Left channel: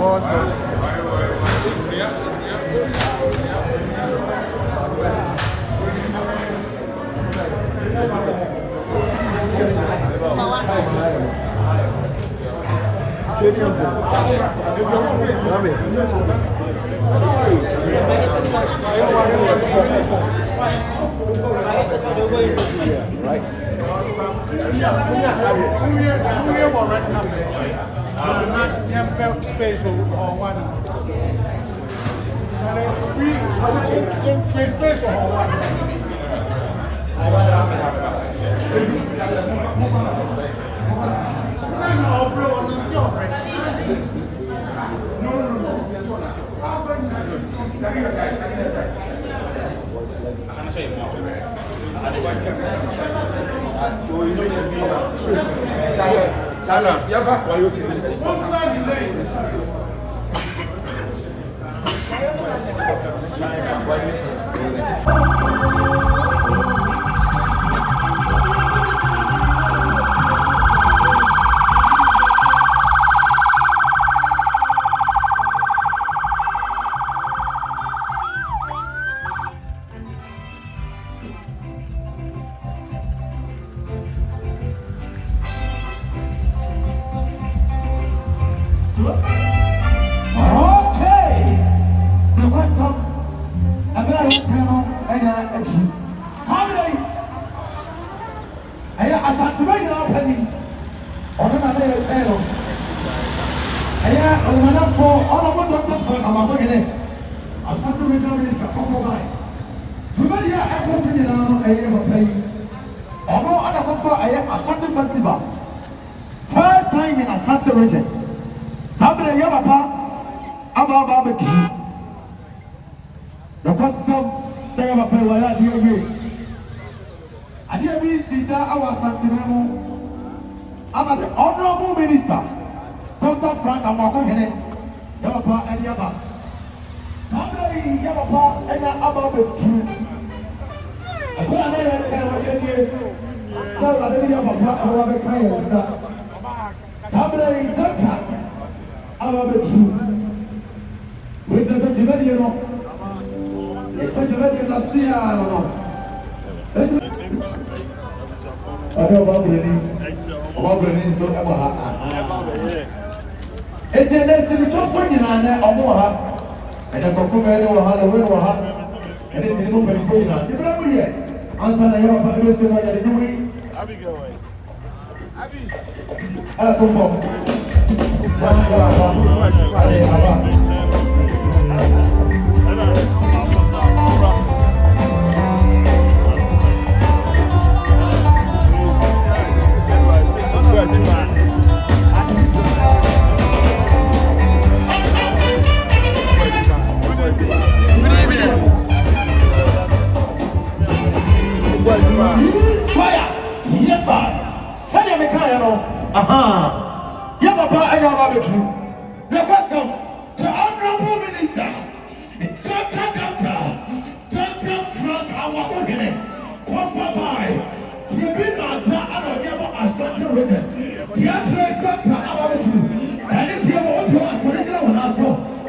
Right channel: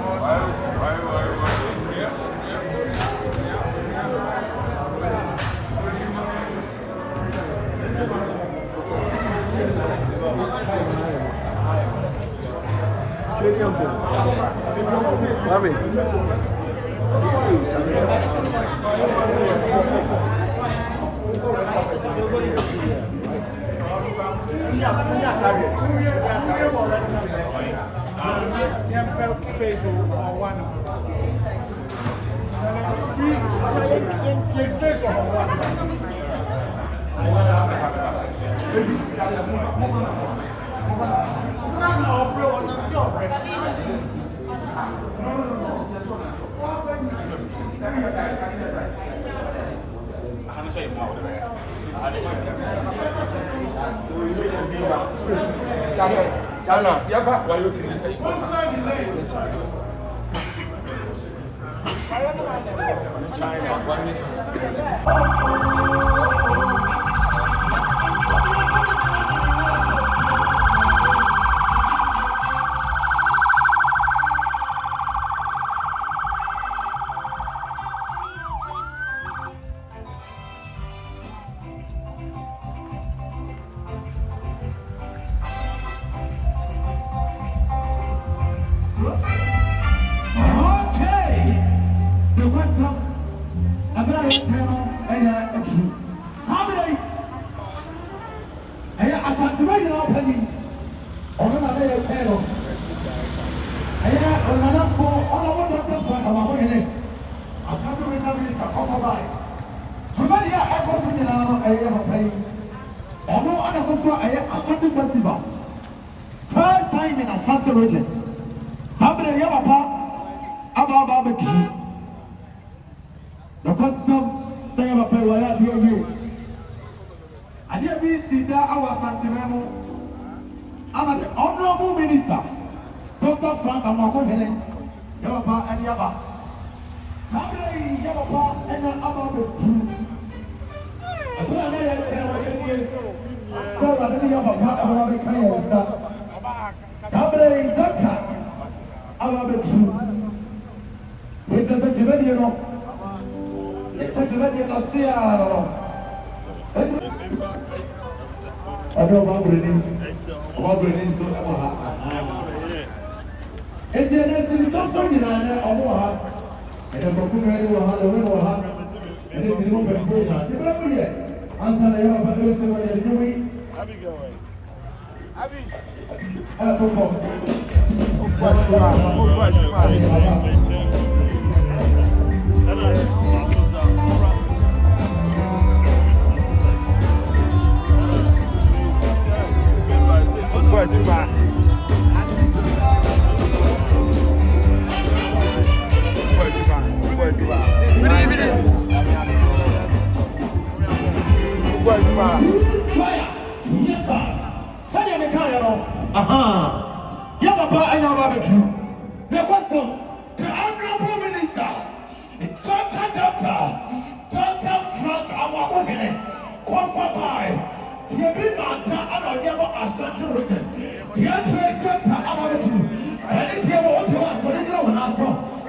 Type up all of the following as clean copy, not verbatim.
Boss. Amoakohene, Asante Regional Minister Kofobai. Somebody I go for Naana, I am a pay. Omo ana go for Asante Festival. First time in Asante region. Sabre Yabapa, Ababa Beki. The question say I'm a pay wala diye. Adia bi sida awa Asante memo. Ana the honorable minister, Dr. Frank Amoakohene. Yabapa and Yaba. Sabre Yabapa and Ababa Beki. I put another channel in here. So I didn't have a part of our kind of stuff. Somebody, doctor, I love it true. Which is a Jimediano. It's a Jimediano. I know about Brennan, so it's a nice to just find in an Amoha. And a Kokumano Halloween or Hap. And it's in open for you. Answer the young population of the Nuri. I'll be going. I'll go for fire! Yes, sir! Send me a aha! Yabapa and Yababa. The question to Honorable Minister, Dr. Frank Amoakohene, qualified by Tribunal and Yabo Asante Region. The answer is Dr. Amoakohene. And it's your own choice for the government also.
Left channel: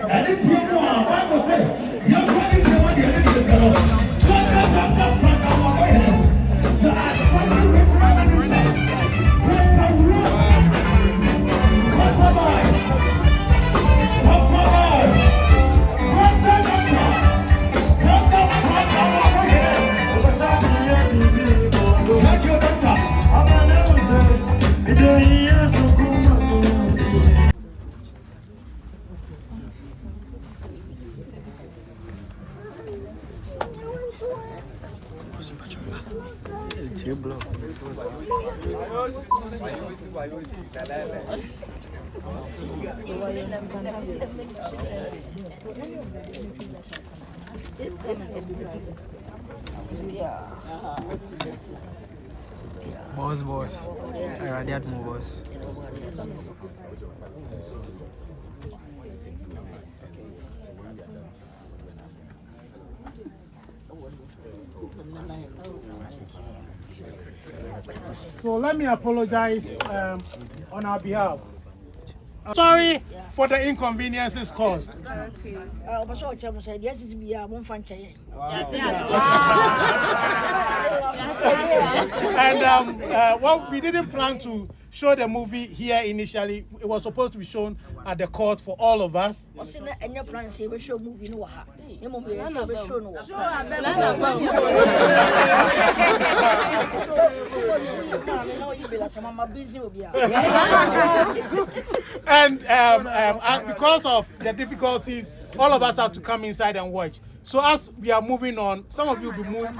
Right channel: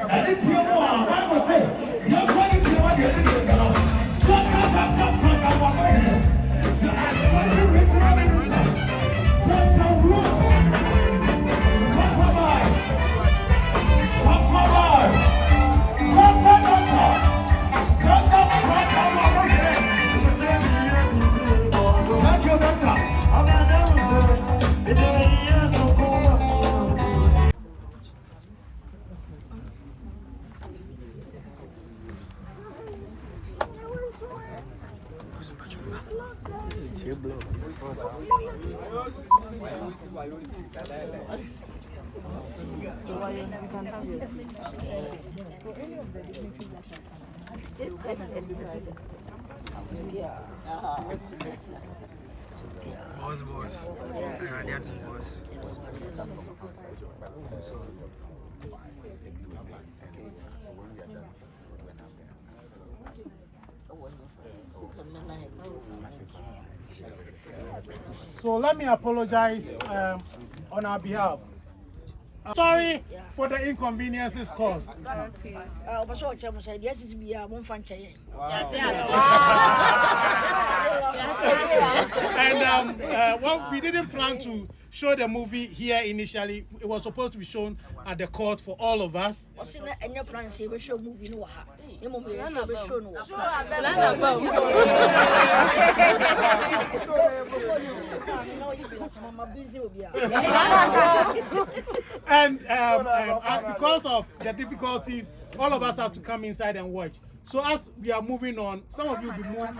And it's your own, I will say, you're going to want your business. Dr. Frank Amoakohene. Boss. I did boss. So let me apologize on our behalf. Sorry for the inconveniences caused. And well, we didn't plan to show the movie here initially. It was supposed to be shown at the court for all of us. And because of the difficulties, all of us have to come inside and watch. So as we are moving on, some of you will be moved.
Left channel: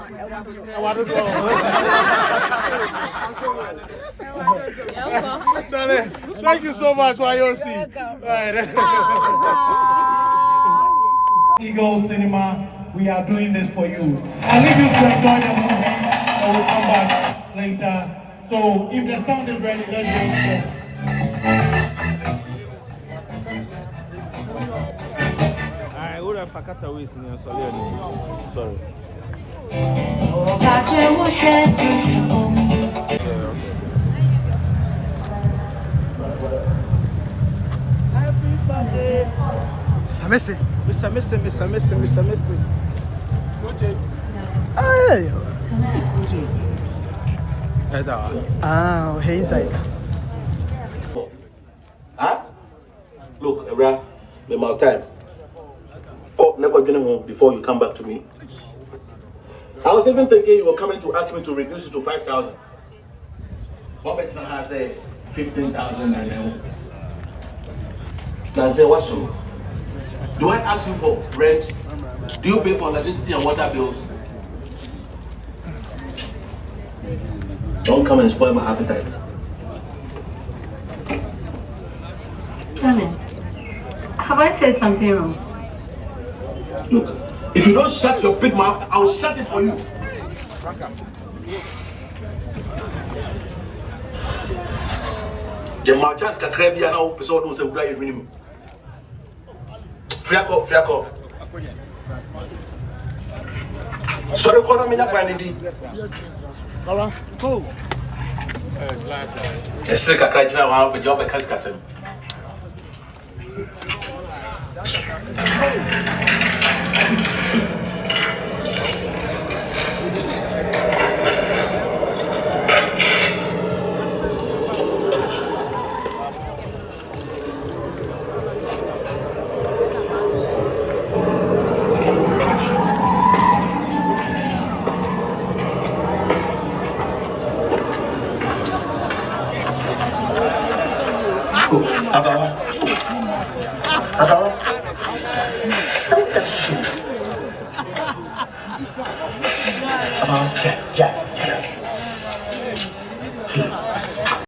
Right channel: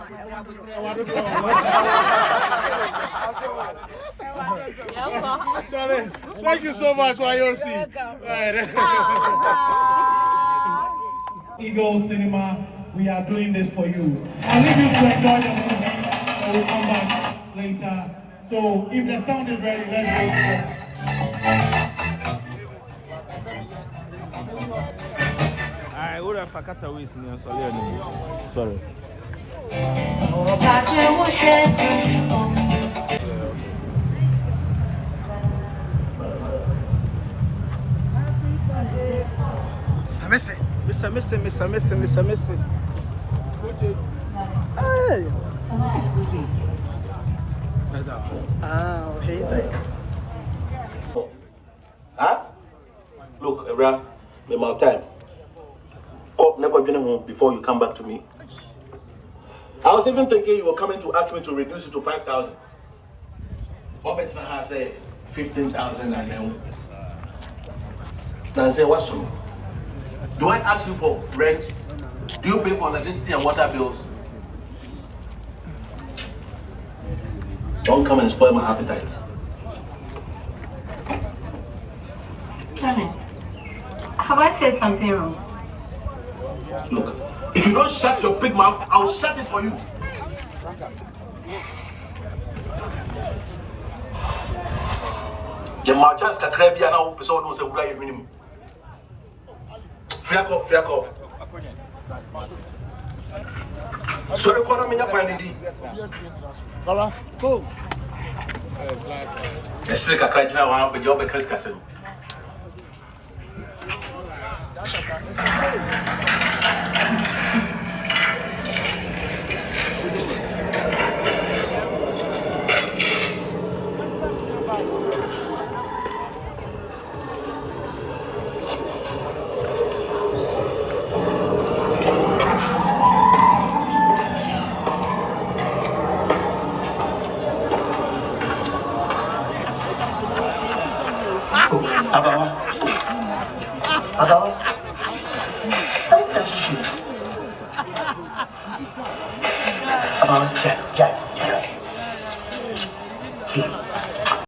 Thank you so much, Wayoosi. Eagle Cinema, we are doing this for you. I'll leave you to enjoy the movie and we'll come back later. So if the sound is ready, let's go. I would have packed away. Sorry. Samese. Mr. Hey. Ah, hey, sir. Huh? Look, Ebra, the amount of time. Oh, never get home before you come back to me. I was even thinking you were coming to ask me to reduce it to 5,000. Robert has said 15,000 and then. Now say what's wrong? Do I ask you for rent? Do you pay for electricity and water bills? Don't come and spoil my appetite. Tell me, have I said something wrong? Look, if you don't shut your big mouth, I'll shut it for you. The margins can cry now, person don't say what minimum. Free up. Sorry, call me up and indeed. Go. Yes, I can't now with your because cousin.